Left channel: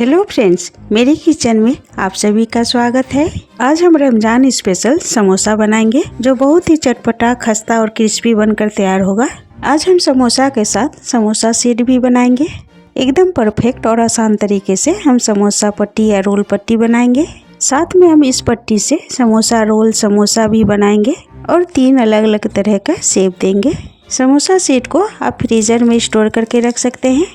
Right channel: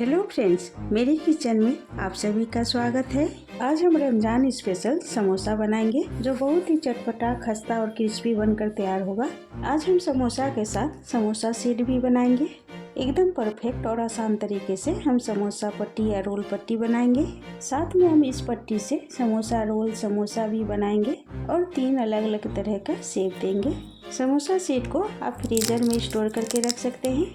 Hello friends, मेरे kitchen में आप सभी का स्वागत है। आज हम रमजान स्पेशल समोसा बनाएंगे जो बहुत ही चटपटा, खस्ता और क्रिस्पी बनकर तैयार होगा। आज हम समोसा के साथ समोसा सीड भी बनाएंगे। एकदम परफेक्ट और आसान तरीके से हम समोसा पट्टी या रोल पट्टी बनाएंगे। साथ में हम इस पट्टी से समोसा रोल, समोसा भी बनाएंगे और 3 अलग अलग तरह का शेप देंगे। समोसा सीड को आप फ्रीजर में स्टोर करके रख सकते हैं।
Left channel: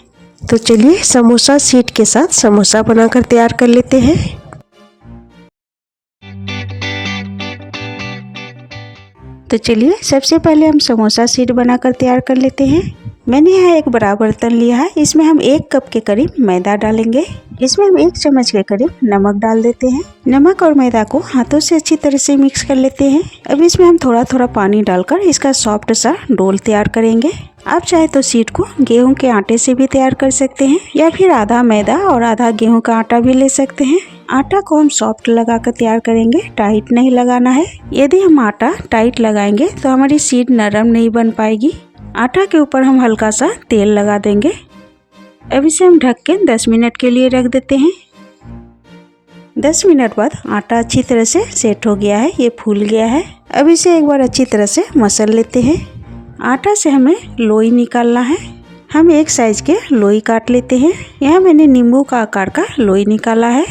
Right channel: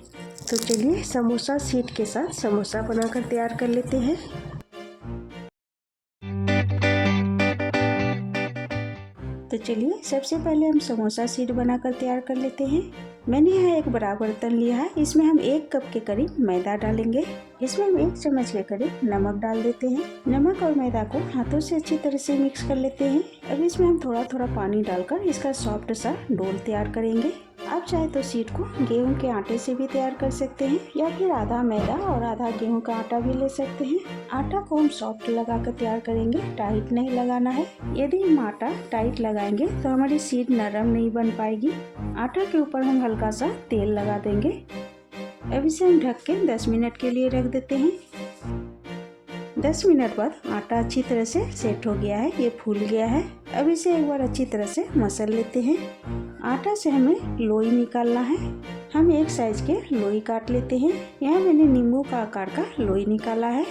तो चलिए समोसा सीड के साथ समोसा बनाकर तैयार कर लेते हैं। तो चलिए सबसे पहले हम समोसा सीड बनाकर तैयार कर लेते हैं। मैंने यहाँ एक बड़ा बर्तन लिया है। इसमें हम 1 कप के करीब मैदा डालेंगे। इसमें हम 1 चम्मच के करीब नमक डाल देते हैं। नमक और मैदा को हाथों से अच्छी तरह से मिक्स कर लेते हैं। अब इसमें हम थोड़ा थोड़ा पानी डालकर इसका सॉफ्ट सा डोल तैयार करेंगे। आप चाहे तो सीड को गेहूं के आटे से भी तैयार कर सकते हैं या फिर आधा मैदा और आधा गेहूं का आटा भी ले सकते हैं। आटा को हम सॉफ्ट लगाकर तैयार करेंगे, टाइट नहीं लगाना है। यदि हम आटा टाइट लगाएंगे तो हमारी सीड नरम नहीं बन पाएगी। आटा के ऊपर हम हल्का सा तेल लगा देंगे। अब इसे हम ढक के 10 मिनट के लिए रख देते हैं। 10 मिनट बाद आटा अच्छी तरह से सेट हो गया है, ये फूल गया है। अब इसे एक बार अच्छी तरह से मसल लेते हैं। आटा से हमें लोई निकालना है। हम एक साइज के लोई काट लेते हैं। यहाँ मैंने नींबू का आकार का लोई निकाला है।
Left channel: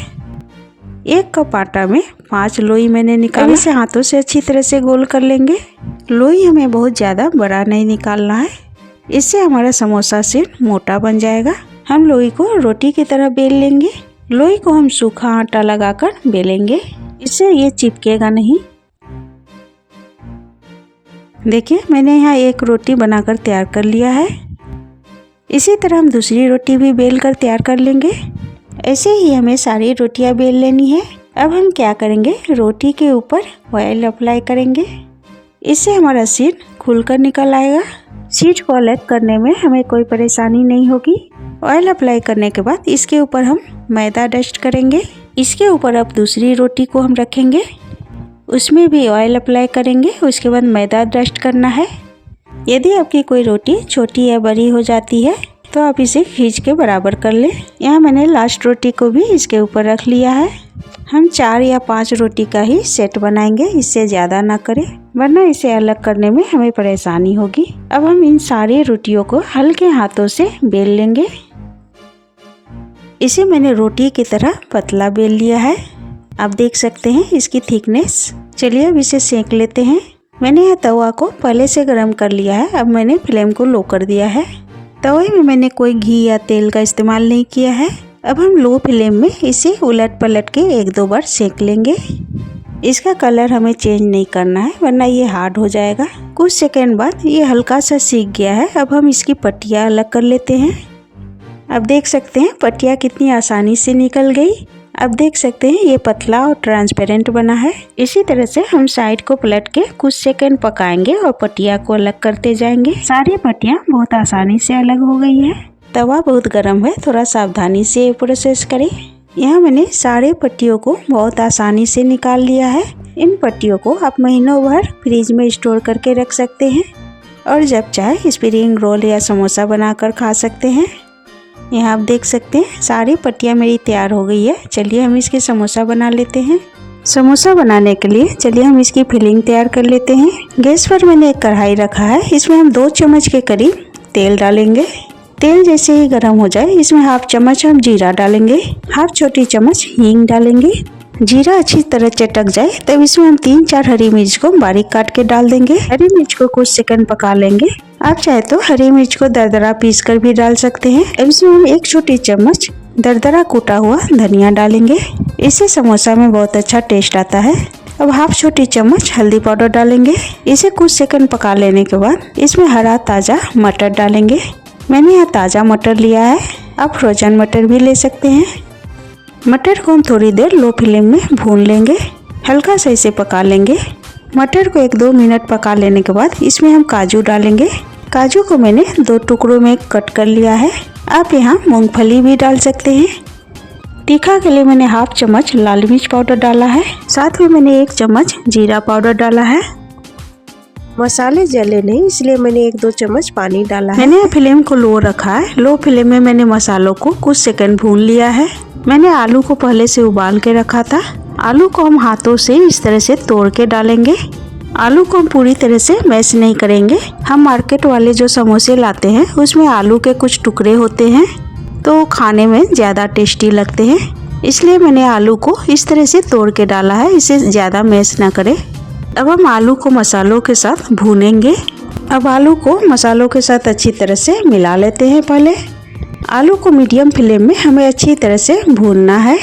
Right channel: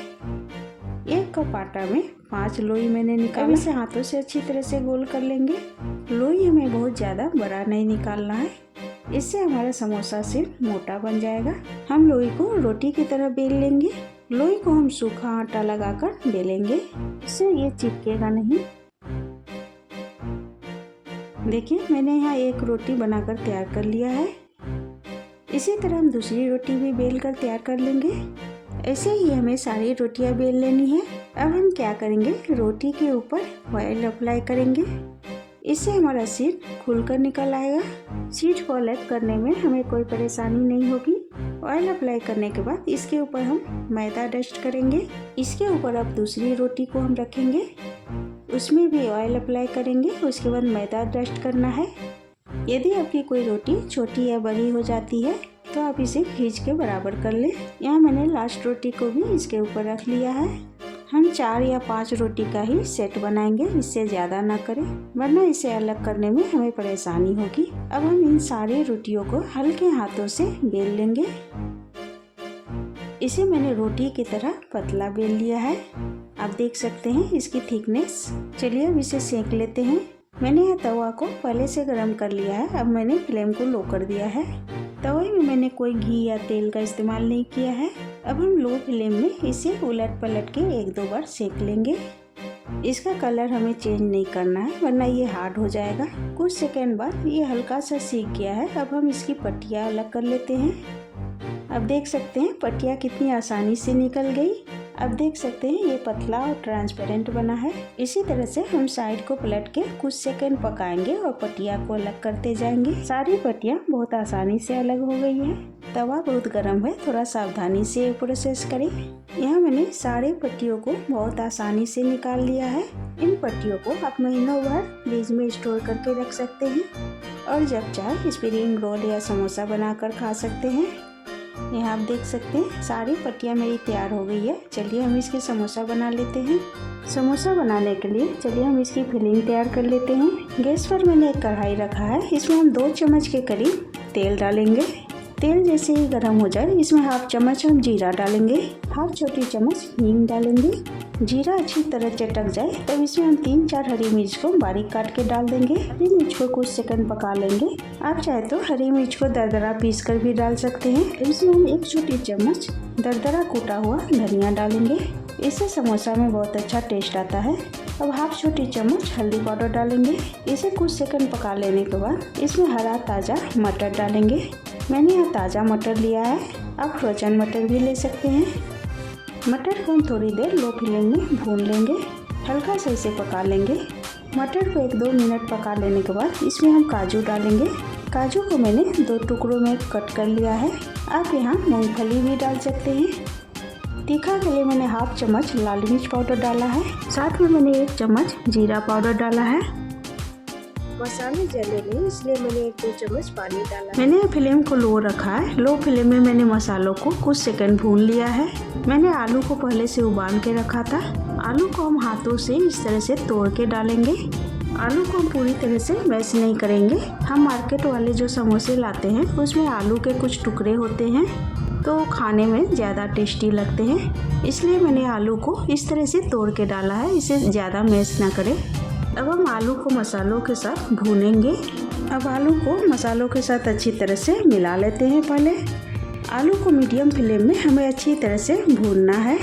1 कप आटा में 5 लोई मैंने निकाला। इसे हाथों से अच्छी तरह से गोल कर लेंगे। लोई हमें बहुत ज़्यादा बड़ा नहीं निकालना है, इससे हमारा समोसा सीड मोटा बन जाएगा। हम लोई को रोटी की तरह बेल लेंगे। लोई को हम सूखा आटा लगाकर बेलेंगे, इससे ये चिपकेगा नहीं। देखिए मैंने यहाँ एक रोटी बनाकर तैयार कर लिया है। इसी तरह हम दूसरी रोटी भी बेल कर तैयार कर लेंगे। ऐसे ही हमें सारी रोटियां बेल लेनी है। अब हम क्या करेंगे, रोटी के ऊपर ऑयल अप्लाई करेंगे। इससे हमारा सीड खुलकर निकल आएगा। सीड को अलग करने में हमें कोई परेशानी नहीं होगी। ऑयल अप्लाई करने के बाद इसके ऊपर हम मैदा डस्ट करेंगे। इसके ऊपर अब दूसरी रोटी को हम रखेंगे, उसमें भी ऑयल अप्लाई करेंगे। उसके बाद मैदा डस्ट करना है। यदि आपकी कोई रोटी छोटी या बड़ी हो जाती है तो आप इसे खींच के बराबर कर लें। यहाँ मैंने लास्ट रोटी को भी इसके ऊपर रख लिया है। हम 4 या 5 रोटी का ही सेट बनाएंगे, इससे ज़्यादा ना करें वरना इसे अलग करने में हमें परेशानी होगी। अब हम इन सारी रोटियों को हल्के हाथों से बेल लेंगे। इसे मैंने रोटी की तरह पतला बेल लिया है। आप देख सकते हैं इसकी थिकनेस। चलिए अब इसे सेक लेते हैं। मैंने यह तवा को पहले से गर्म कर लिया है। अब मैंने फ्लेम को लो कर दिया है। तवे में मैंने कोई घी या तेल का इस्तेमाल नहीं किया है। अब हम लो फ्लेम में इसे उलट पलट के 1-2 बार सेक लेंगे। इसका कलर हमें चेंज नहीं करना है वरना ये हार्ड हो जाएगा। कुछ सेकंड बाद ये हल्का सा सीख गया है। अब हम इसकी पट्टियाँ अलग कर लेते हैं। अब देख सकते हैं पट्टियाँ कितनी आसानी से निकल गई। अब देख सकते हैं ये पतला और ट्रांसपेरेंट बना है। इसी तरह से हम साइड को पलट के कुछ सेकंड पकाएंगे और पट्टियाँ को अलग करते जाएंगे। सारी पट्टियाँ बहुत आसानी से अलग हो गई है। तवा बहुत गर्म है, थोड़ा सावधानी से प्रोसेस करें। यहाँ मैंने सारे पट्टियों को बहुत आसानी से निकाल लिया है। इन पट्टियों को आप महीनों भर फ्रिज में स्टोर करके रख सकते हैं और जब चाहे स्प्रिंग रोल या समोसा बनाकर खा सकते हैं। यहाँ आप देख सकते हैं सारी पट्टियाँ मेरी तैयार हो गई है। चलिए हम इसके समोसा बना लेते हैं। समोसा बनाने के लिए चलिए हम इसकी फिलिंग तैयार कर लेते हैं। गैस पर मैंने एक कढ़ाई रखा है। इसमें हम 2 चम्मच के करीब तेल डालेंगे। तेल जैसे ही गर्म हो जाए इसमें 1/2 चम्मच हम जीरा डालेंगे, 1/2 छोटी चम्मच हींग डालेंगे। जीरा अच्छी तरह चटक जाए तब इसमें हम 3-4 हरी मिर्च को बारीक काट के डाल देंगे। हरी मिर्च को कुछ सेकंड पका लेंगे। आप चाहे तो हरी मिर्च को दरदरा पीस कर भी डाल सकते हैं। अब इसमें हम 1 छोटी चम्मच दरदरा कूटा हुआ धनिया डालेंगे। इससे समोसा में बहुत अच्छा टेस्ट आता है। अब 1/2 छोटी चम्मच हल्दी पाउडर डालेंगे। इसे कुछ सेकंड पका लेने के बाद इसमें हरा ताज़ा मटर डालेंगे। मैंने यहाँ ताज़ा मटर लिया है, आप फ्रोजन मटर भी ले सकते हैं। मटर को हम थोड़ी देर लो फ्लेम में भून लेंगे, हल्का सा इसे पका लेंगे। मटर को 1-2 मिनट पका लेने के बाद इसमें हम काजू डालेंगे। काजू को मैंने 2 टुकड़ों में कट कर लिया है। आप यहाँ मूंगफली भी डाल सकते हैं। तीखा के लिए मैंने 1/2 चम्मच लाल मिर्च पाउडर डाला है। साथ में मैंने 1 चम्मच जीरा पाउडर डाला है। मसाले जले नहीं इसलिए मैंने 1-2 चम्मच पानी डाला है। मैंने फ्लेम को लो रखा है। लो फ्लेम में मैंने मसालों को कुछ सेकंड भून लिया है। मैंने आलू को पहले से उबाल के रखा था। आलू को हम हाथों से इस तरह से तोड़ के डालेंगे। आलू को हम पूरी तरह से मैश नहीं करेंगे। हम मार्केट वाले जो समोसे लाते हैं उसमें आलू के कुछ टुकड़े होते हैं तो खाने में ज़्यादा टेस्टी लगते हैं, इसलिए मैंने आलू को इस तरह से तोड़ के डाला है, इसे ज़्यादा मैश ना करें। अब हम आलू को मसालों के साथ भूनेंगे। अब आलू को मसालों के साथ अच्छी तरह से मिला लेते हैं। पहले आलू को मीडियम फ्लेम में हमें अच्छी तरह से भूनना है।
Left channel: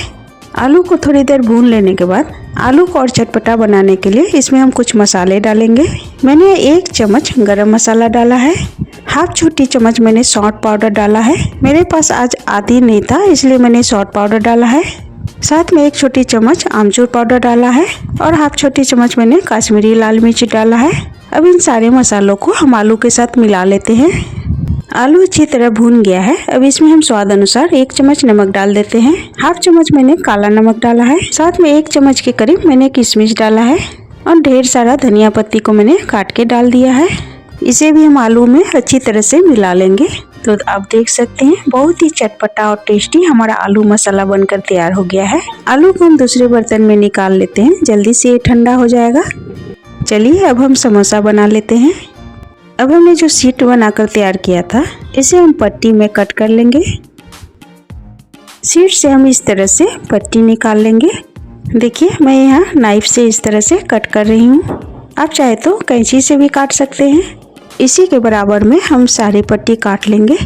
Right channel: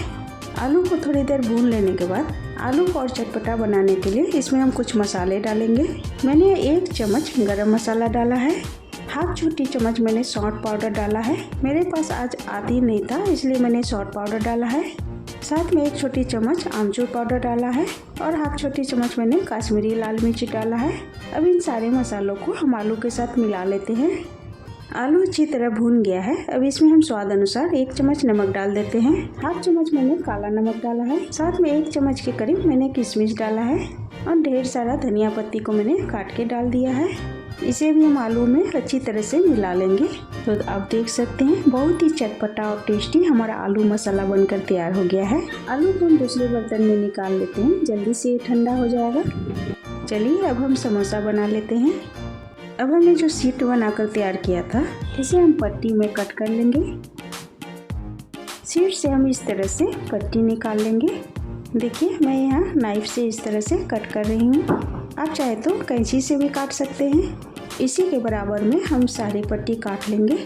आलू को थोड़ी देर भून लेने के बाद आलू को और चटपटा बनाने के लिए इसमें हम कुछ मसाले डालेंगे। मैंने 1 चम्मच गरम मसाला डाला है। हाफ छोटी चम्मच मैंने सौंठ पाउडर डाला है। मेरे पास आज आदि नहीं था इसलिए मैंने सौंठ पाउडर डाला है। साथ में 1 छोटी चम्मच आमचूर पाउडर डाला है और हाफ छोटी चम्मच मैंने कश्मीरी लाल मिर्च डाला है। अब इन सारे मसालों को हम आलू के साथ मिला लेते हैं। आलू अच्छी तरह भून गया है। अब इसमें हम स्वाद अनुसार 1 चम्मच नमक डाल देते हैं। हाफ चम्मच मैंने काला नमक डाला है। साथ में 1 चम्मच के करीब मैंने किशमिश डाला है और ढेर सारा धनिया पत्ती को मैंने काट के डाल दिया है। इसे भी हम आलू में अच्छी तरह से मिला लेंगे। तो आप देख सकते हैं बहुत ही चटपटा और टेस्टी हमारा आलू मसाला बनकर तैयार हो गया है। आलू को हम दूसरे बर्तन में निकाल लेते हैं, जल्दी से ये ठंडा हो जाएगा। चलिए अब हम समोसा बना लेते हैं। अब हमने जो शीट बनाकर तैयार किया था इसे हम पट्टी में कट कर लेंगे। शीट से हम इस तरह से पट्टी निकाल लेंगे। देखिए मैं यहाँ नाइफ से इस तरह से कट कर रही हूँ। आप चाहे तो कैंची से भी काट सकते हैं। इसी के बराबर में हम सारी पट्टी काट लेंगे।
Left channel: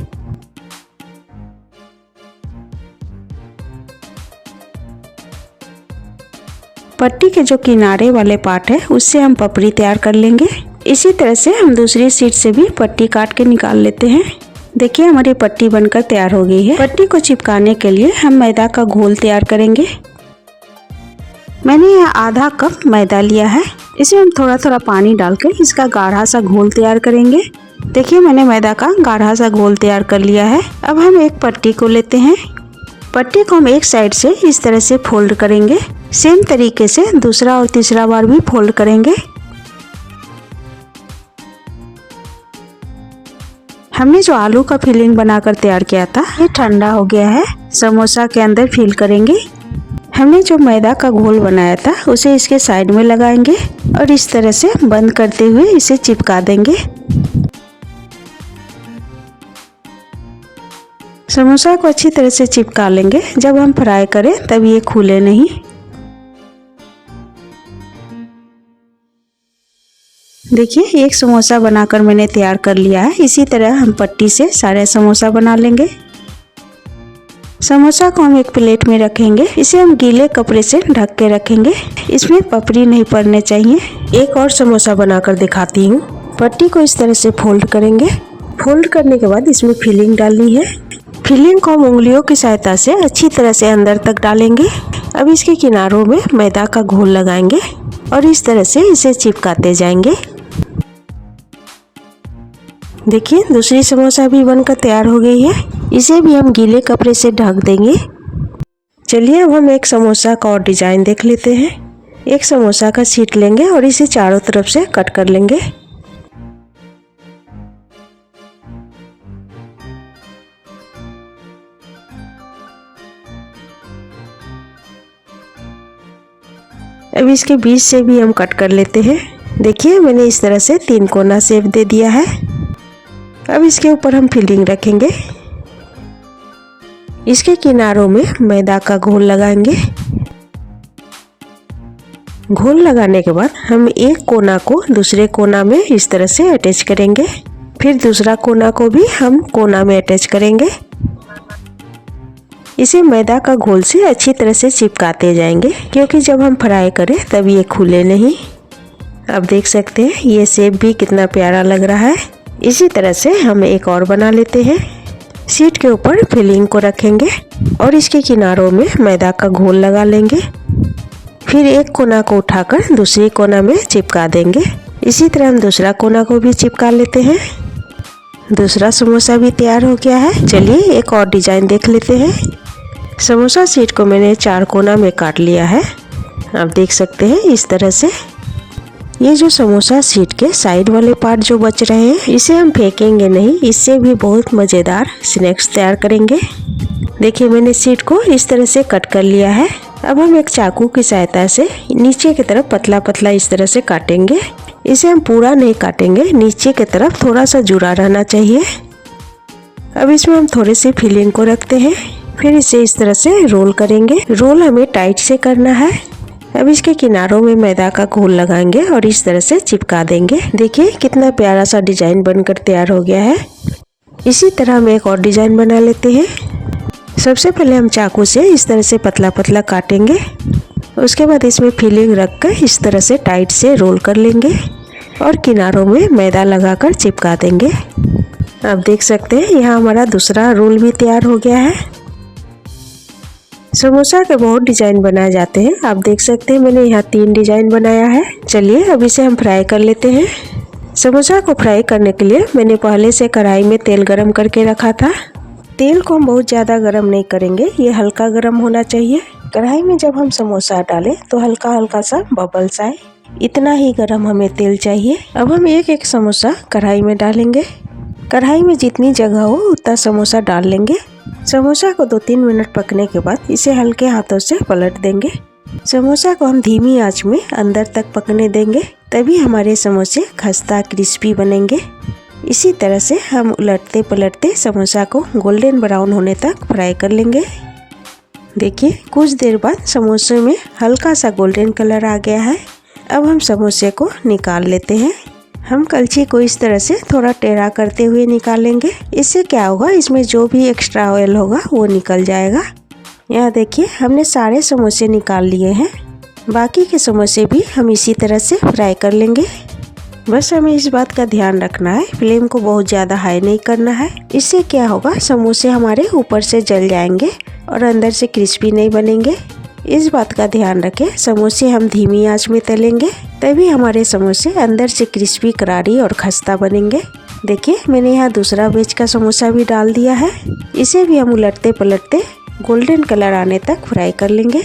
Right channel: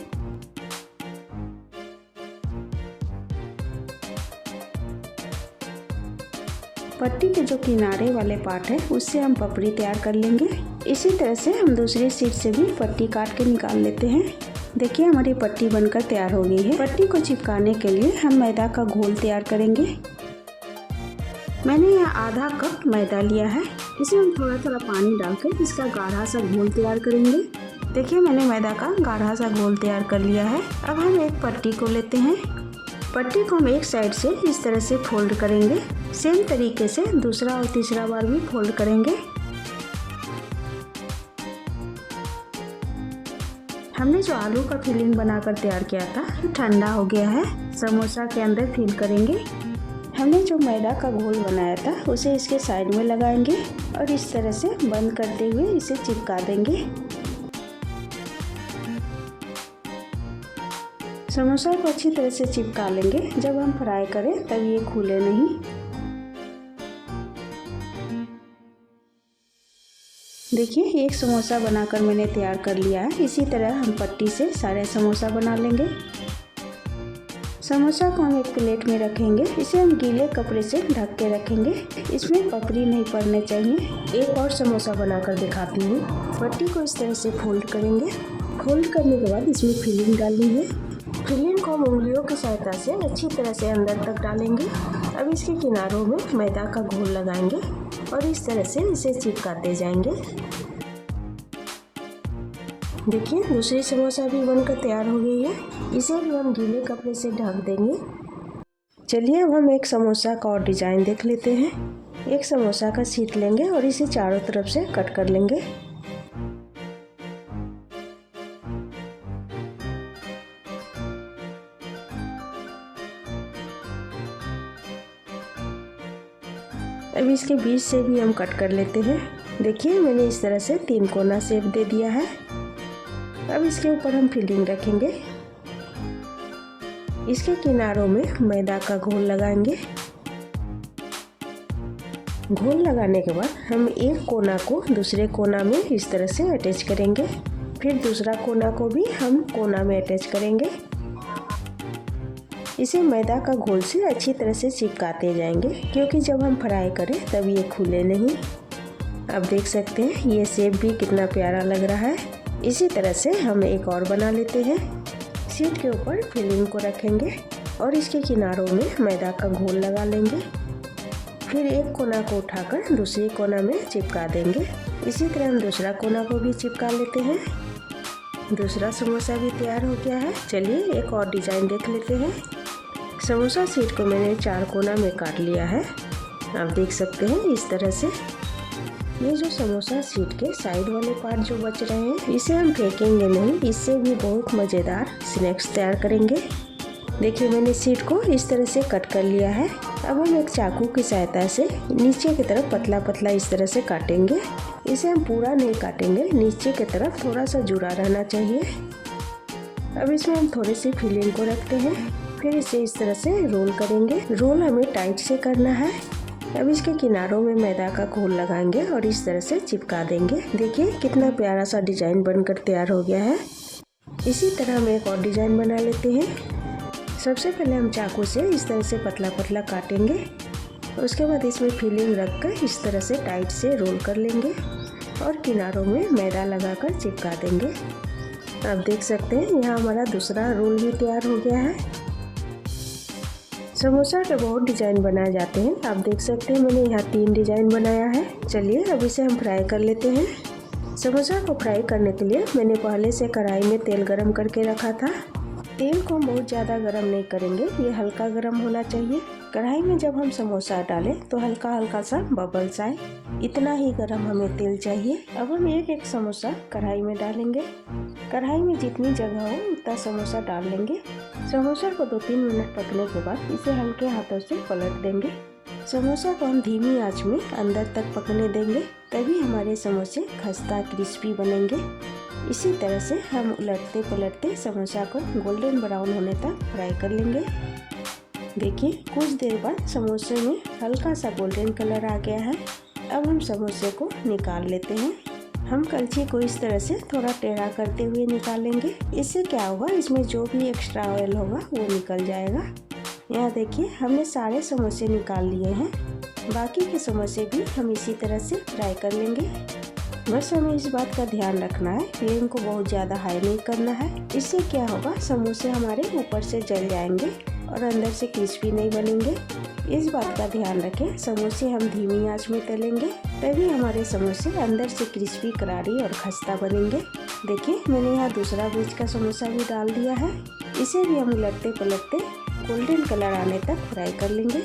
पट्टी के जो किनारे वाले पार्ट है उससे हम पपड़ी तैयार कर लेंगे। इसी तरह से हम दूसरी शीट से भी पट्टी काट के निकाल लेते हैं। देखिए हमारी पट्टी बनकर तैयार हो गई है। पट्टी को चिपकाने के लिए हम मैदा का घोल तैयार करेंगे। मैंने यहाँ आधा कप मैदा लिया है। इसमें हम थोड़ा थोड़ा पानी डालकर इसका गाढ़ा सा घोल तैयार करेंगे। देखिए मैंने मैदा का गाढ़ा सा घोल तैयार कर लिया है। अब हम एक पट्टी को लेते हैं। पट्टी को हम एक साइड से इस तरह से फोल्ड करेंगे। सेम तरीके से दूसरा और तीसरा बार भी फोल्ड करेंगे। हमने जो आलू का फिलिंग बनाकर तैयार किया था ये ठंडा हो गया है। समोसा के अंदर फिल करेंगे। हमने जो मैदा का घोल बनाया था उसे इसके साइड में लगाएंगे और इस तरह से बंद करते हुए इसे चिपका देंगे। समोसा को अच्छी तरह से चिपका लेंगे। जब हम फ्राई करें तब ये खुले नहीं। देखिए एक समोसा बनाकर मैंने तैयार कर लिया है। इसी तरह हम पट्टी से सारे समोसा बना लेंगे। समोसा को हम एक प्लेट में रखेंगे। इसे हम गीले कपड़े से ढक के रखेंगे। इसमें पपड़ी नहीं पड़ने चाहिए। एक और समोसा बनाकर दिखाती हूँ। पट्टी को इस तरह से फोल्ड करेंगे। फोल्ड करने के बाद इसमें फिलिंग डालनी है। फिलिंग को हम उंगलियों की सहायता से अच्छी तरह से अंदर तक डालेंगे। अब इसके किनारों में मैदा का घोल लगाएंगे और इस तरह से इसे चिपकाते जाएंगे। देखिए दूसरी समोसा भी बनकर तैयार हो गई है। इसे भी हम गीले कपड़े से ढक देंगे। चलिए अब हम एक समोसा का और डिजाइन देख लेते हैं। एक समोसा का शीट लेंगे और इसे चारों तरफ से कट कर लेंगे। अब इसके बीच से भी हम कट कर लेते हैं। देखिए मैंने इस तरह से 3 कोना शेप दे दिया है। अब इसके ऊपर हम फिलिंग रखेंगे। इसके किनारों में मैदा का घोल लगाएंगे। घोल लगाने के बाद हम एक कोना को दूसरे कोना में इस तरह से अटैच करेंगे। फिर दूसरा कोना को भी हम कोना में अटैच करेंगे। इसे मैदा का घोल से अच्छी तरह से चिपकाते जाएंगे क्योंकि जब हम फ्राई करें तब ये खुले नहीं। अब देख सकते हैं ये शेप भी कितना प्यारा लग रहा है। इसी तरह से हम एक और बना लेते हैं। शीट के ऊपर फिलिंग को रखेंगे और इसके किनारों में मैदा का घोल लगा लेंगे। फिर एक कोना को उठाकर दूसरी कोना में चिपका देंगे। इसी तरह हम दूसरा कोना को भी चिपका लेते हैं। दूसरा समोसा भी तैयार हो गया है। चलिए एक और डिजाइन देख लेते हैं। समोसा शीट को मैंने 4 कोना में काट लिया है। आप देख सकते हैं इस तरह से। ये जो समोसा शीट के साइड वाले पार्ट जो बच रहे हैं, इसे हम फेंकेंगे नहीं, इससे भी बहुत मज़ेदार स्नैक्स तैयार करेंगे। देखिए मैंने शीट को इस तरह से कट कर लिया है। अब हम एक चाकू की सहायता से नीचे की तरफ पतला पतला इस तरह से काटेंगे। इसे हम पूरा नहीं काटेंगे, नीचे की तरफ थोड़ा सा जुड़ा रहना चाहिए। अब इसमें हम थोड़ी सी फिलिंग को रखते हैं, फिर इसे इस तरह से रोल करेंगे। रोल हमें टाइट से करना है। अब इसके किनारों में मैदा का घोल लगाएंगे और इस तरह से चिपका देंगे। देखिए कितना प्यारा सा डिजाइन बनकर तैयार हो गया है। इसी तरह हम एक और डिजाइन बना लेते हैं। सबसे पहले हम चाकू से इस तरह से पतला पतला काटेंगे। उसके बाद इसमें फिलिंग रखकर इस तरह से टाइट से रोल कर लेंगे और किनारों में मैदा लगाकर चिपका देंगे। अब देख सकते हैं यहाँ हमारा दूसरा रोल भी तैयार हो गया है। समोसा के बहुत डिजाइन बनाए जाते हैं। आप देख सकते हैं मैंने यहाँ 3 डिजाइन बनाया है। चलिए अब इसे हम फ्राई कर लेते हैं। समोसा को फ्राई करने के लिए मैंने पहले से कढ़ाई में तेल गरम करके रखा था। तेल को हम बहुत ज़्यादा गरम नहीं करेंगे, ये हल्का गरम होना चाहिए। कढ़ाई में जब हम समोसा डालें तो हल्का हल्का सा बबल्स आए, इतना ही गरम हमें तेल चाहिए। अब हम एक एक समोसा कढ़ाई में डालेंगे। कढ़ाई में जितनी जगह हो उतना समोसा डाल लेंगे। समोसा को 2-3 मिनट पकने के बाद इसे हल्के हाथों से पलट देंगे। समोसा को हम धीमी आंच में अंदर तक पकने देंगे, तभी हमारे समोसे खस्ता क्रिस्पी बनेंगे। इसी तरह से हम उलटते पलटते समोसा को गोल्डन ब्राउन होने तक फ्राई कर लेंगे। देखिए कुछ देर बाद समोसे में हल्का सा गोल्डन कलर आ गया है। अब हम समोसे को निकाल लेते हैं। हम कलछी को इस तरह से थोड़ा टेढ़ा करते हुए निकालेंगे। इससे क्या होगा, इसमें जो भी एक्स्ट्रा ऑयल होगा वो निकल जाएगा। यहाँ देखिए हमने सारे समोसे निकाल लिए हैं। बाकी के समोसे भी हम इसी तरह से फ्राई कर लेंगे। बस हमें इस बात का ध्यान रखना है, फ्लेम को बहुत ज़्यादा हाई नहीं करना है। इससे क्या होगा, समोसे हमारे ऊपर से जल जाएंगे और अंदर से क्रिस्पी नहीं बनेंगे। इस बात का ध्यान रखें, समोसे हम धीमी आंच में तलेंगे, तभी हमारे समोसे अंदर से क्रिस्पी करारी और खस्ता बनेंगे। देखिए मैंने यहाँ दूसरा वेज का समोसा भी डाल दिया है। इसे भी हम उलटते पलटते गोल्डन कलर आने तक फ्राई कर लेंगे।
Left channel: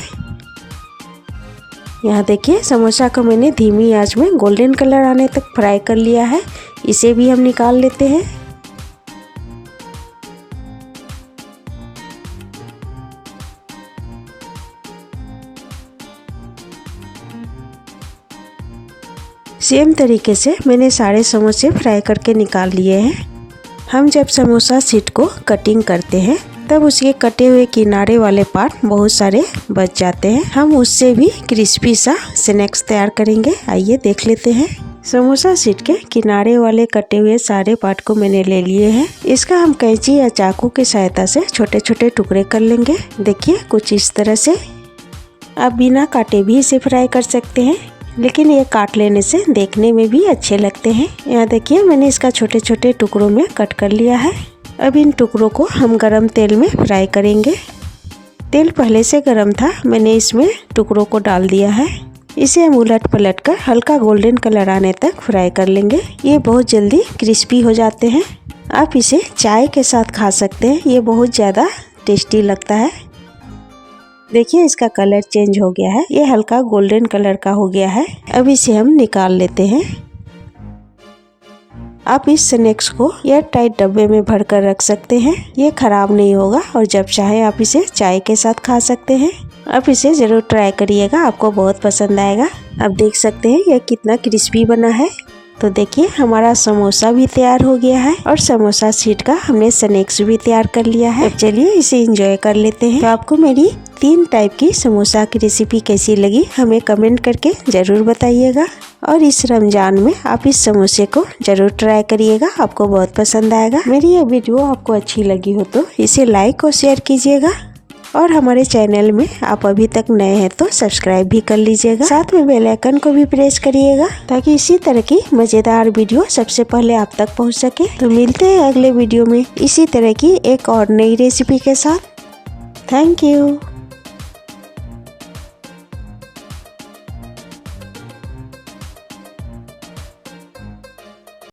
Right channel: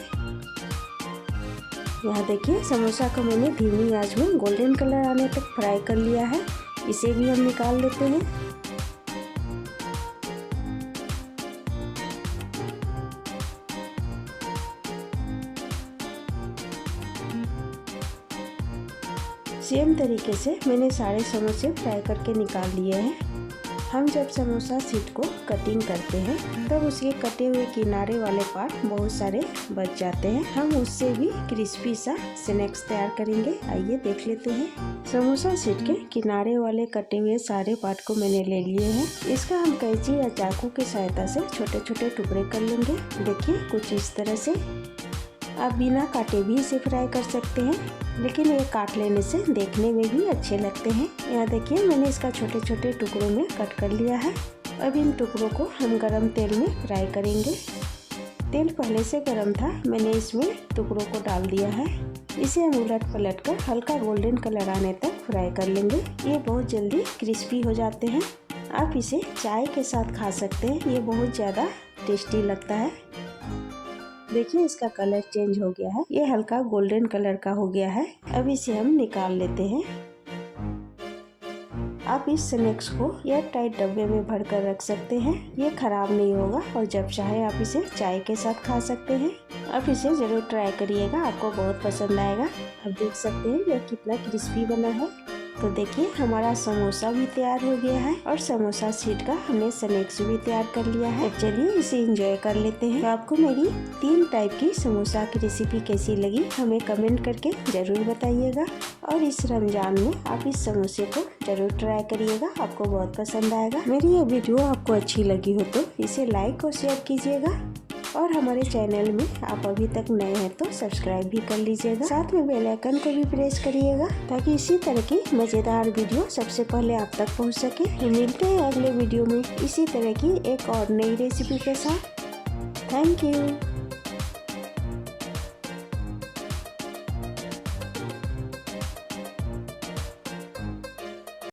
यहाँ देखिए समोसा को मैंने धीमी आंच में गोल्डन कलर आने तक फ्राई कर लिया है। इसे भी हम निकाल लेते हैं। सेम तरीके से मैंने सारे समोसे फ्राई करके निकाल लिए हैं। हम जब समोसा शीट को कटिंग करते हैं तब उसके कटे हुए किनारे वाले पार्ट बहुत सारे बच जाते हैं। हम उससे भी क्रिस्पी सा स्नैक्स तैयार करेंगे। आइए देख लेते हैं। समोसा शीट के किनारे वाले कटे हुए सारे पार्ट को मैंने ले लिए हैं। इसका हम कैंची या चाकू की सहायता से छोटे छोटे टुकड़े कर लेंगे। देखिए कुछ इस तरह से। आप बिना काटे भी इसे फ्राई कर सकते हैं, लेकिन ये काट लेने से देखने में भी अच्छे लगते हैं। यहाँ देखिए मैंने इसका छोटे छोटे टुकड़ों में कट कर लिया है। अब इन टुकड़ों को हम गरम तेल में फ्राई करेंगे। तेल पहले से गरम था, मैंने इसमें टुकड़ों को डाल दिया है। इसे हम उलट पलट कर हल्का गोल्डन कलर आने तक फ्राई कर लेंगे। ये बहुत जल्दी क्रिस्पी हो जाते हैं। आप इसे चाय के साथ खा सकते हैं, ये बहुत ज़्यादा टेस्टी लगता है। देखिए इसका कलर चेंज हो गया है, ये हल्का गोल्डन कलर का हो गया है। अब इसे हम निकाल लेते हैं। आप इस स्नैक्स को एयर टाइट डब्बे में भरकर रख सकते हैं, ये खराब नहीं होगा और जब चाहे आप इसे चाय के साथ खा सकते हैं। आप इसे ज़रूर ट्राई करिएगा, आपको बहुत पसंद आएगा। आप देख सकते हैं यह कितना क्रिस्पी बना है। तो देखिए हमारा समोसा भी तैयार हो गया है और समोसा शीट का हमने स्नैक्स भी तैयार कर लिया है। अब चलिए इसे एंजॉय कर लेते हैं। तो आपको मेरी 3 टाइप की समोसा की रेसिपी कैसी लगी हमें कमेंट करके ज़रूर बताइएगा। और इस रमज़ान में आप इस समोसे को ज़रूर ट्राई करिएगा, आपको बहुत पसंद आएगा। मेरी ये वीडियो आपको अच्छी लगी हो तो इसे लाइक और शेयर कीजिएगा। और हमारे चैनल में आप अभी तक नए हैं तो सब्सक्राइब भी कर लीजिएगा। साथ में बेल आइकन को भी प्रेस करिएगा ताकि इसी तरह की मज़ेदार वीडियो सबसे पहले आप तक पहुंच सके। तो मिलते हैं अगले वीडियो में इसी तरह की एक और नई रेसिपी के साथ। Thank you.